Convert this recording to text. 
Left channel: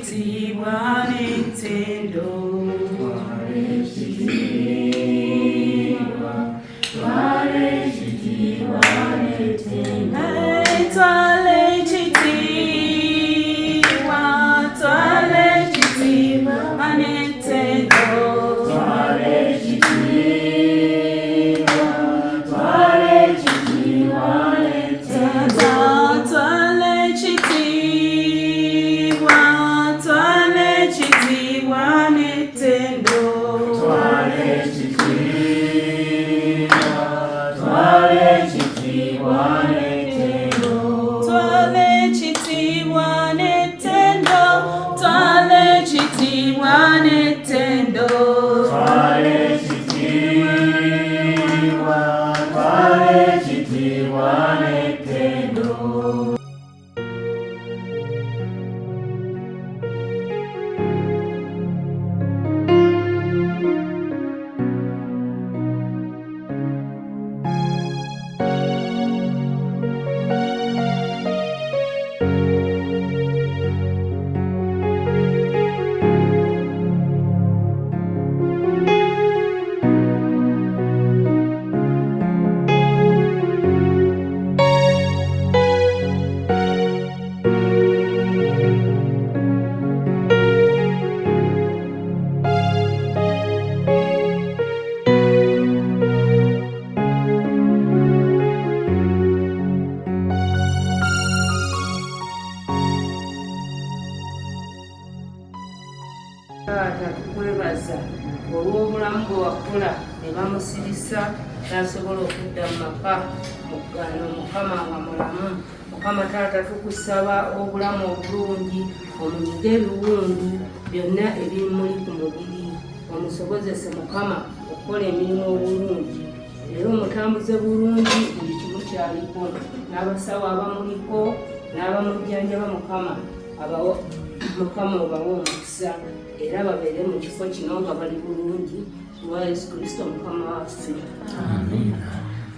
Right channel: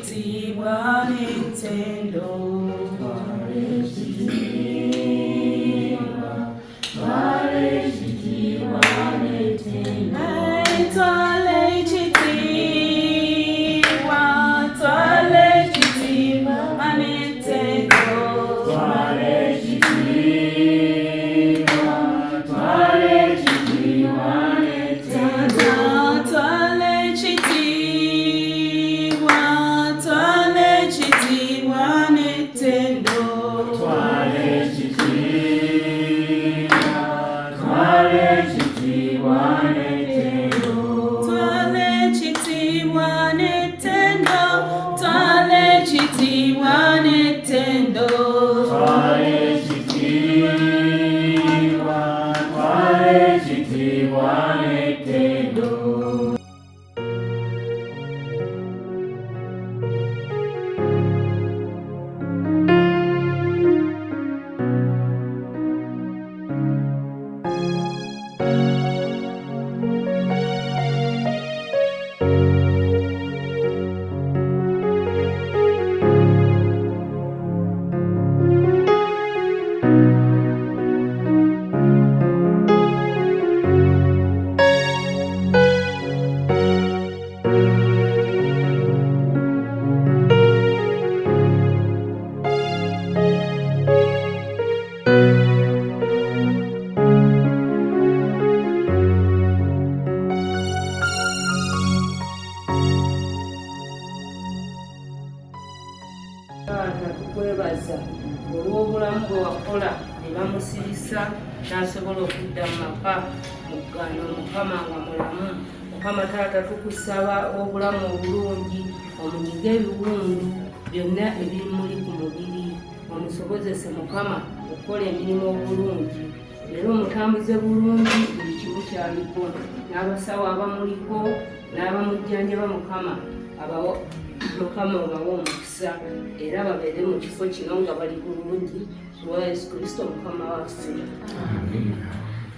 ekitiibwa n'ettendo. Tukwebaza olw'obulamu bwe wakola ne bamusibisa n'asobola okudda mu maka muggano Mukama nga mulamu. Mukama Taata tukusaba obulamu obulungi, omunyiga ebiwundu byonna ebimuli ku mubiri, omusobozese Mukama okukola emirimu obulungi, era omutambuze bulungi buli kimu kyaliko, n'abasawo abamuliko n'abamujjanjaba Mukama obawa omukisa era babeere mu kifo kino nga bali bulungi. Lwa Yesu Kristo Mukama waffe. Amen.